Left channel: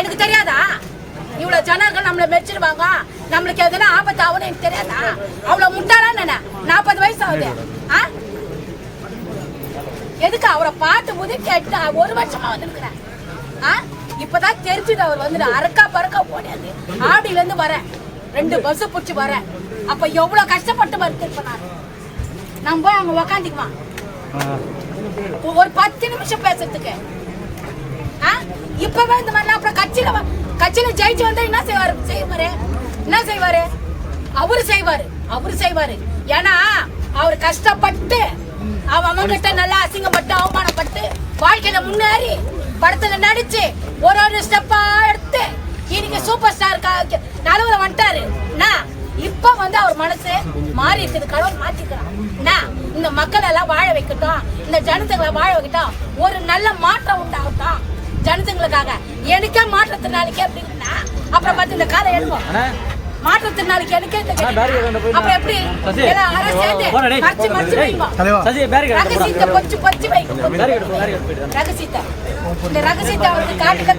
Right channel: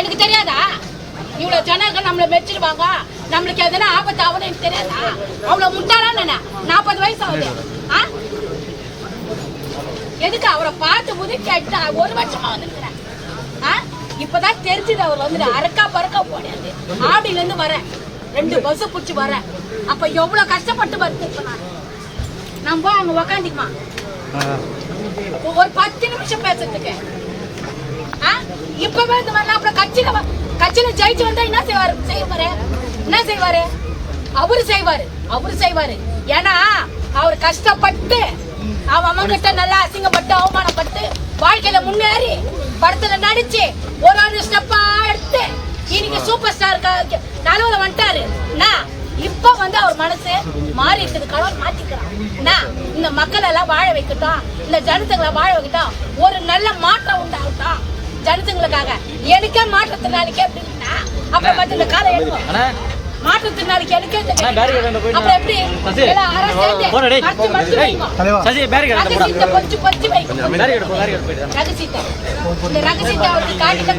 எனக்கு தெரியாதா? இவ்வளவு ஜனங்கள் நம்மள மெச்சிடுவாங்க, நம்மளுக்கு எதனா ஆபத்து ஆகும்னு எனக்கு தெரியாதா? அவ்வளவு முட்டாளா என்ன? 40 வயசு ஆகுது. எதுக்கு அவரை பார்த்து உதவி கேட்டு 1 வருஷமா வந்துருக்கிறேன். இப்பதான் தெரிஞ்சுது அவர் வந்து அரக்கா பறக்கா போடாது. ஆடியில இருந்து வரேன், 2 பஸ் புடிச்சு வரேன். அப்ப எவ்வளவு கஷ்டப்பட்டு வருது நான். நம்ம அவங்க உக்காந்துக்குமா ஒரு 10 நிமிஷம் பேசுறதுக்கு. இப்பவே இந்த மாதிரி அப்புறம் கட்சியில ஜெயிச்சு வந்தா என்ன செய்வாரு? அவரு செய்வாரு. ஏன்னா அவர் கஷ்டப்பட்டு அவங்க கிட்ட நல்லா அசிங்கப்பட்டு அவமானப்பட்டு வாழ்க்கையில முன்னேறி படத்துல நடிச்சு ஒரு ஸ்டெப்பா எடுத்து இன்னைக்கு சூப்பர் ஸ்டார் நடுவுல வந்துட்டாரு. இப்ப வந்து அவர் மனசு மாறி இருக்குது, கடவுள் மாத்திக்கிறான். இந்த மக்கள் எல்லாம் வாழ வைக்கட்டும், இந்த ஜனத்துங்களை வாழ வைக்கட்டும், ஒரு நல்ல மாற்றம் உண்டாகட்டும் ஜனத்துங்களுக்காக. எனக்கே மாற்றத்தினாலுக்கே அப்படின்னா அப்புறம் பார்த்து இந்த காலை எடுவோம். மாற்றத்தினாலுக்கு எனக்கு அப்புறம் எப்படி ரகசியத்தை அவருக்கு காட்டிக்க